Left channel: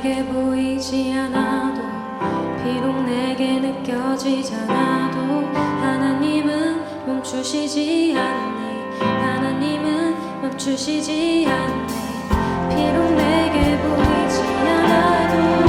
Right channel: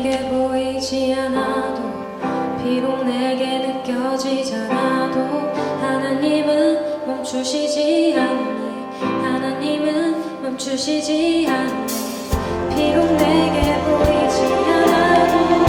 내게 보이지 않아도 비록 내게 느껴지지 않아도 하나님은 멈추시지 않네 하나님은 멈추시지 않네 비록 내게 보이지 않아도.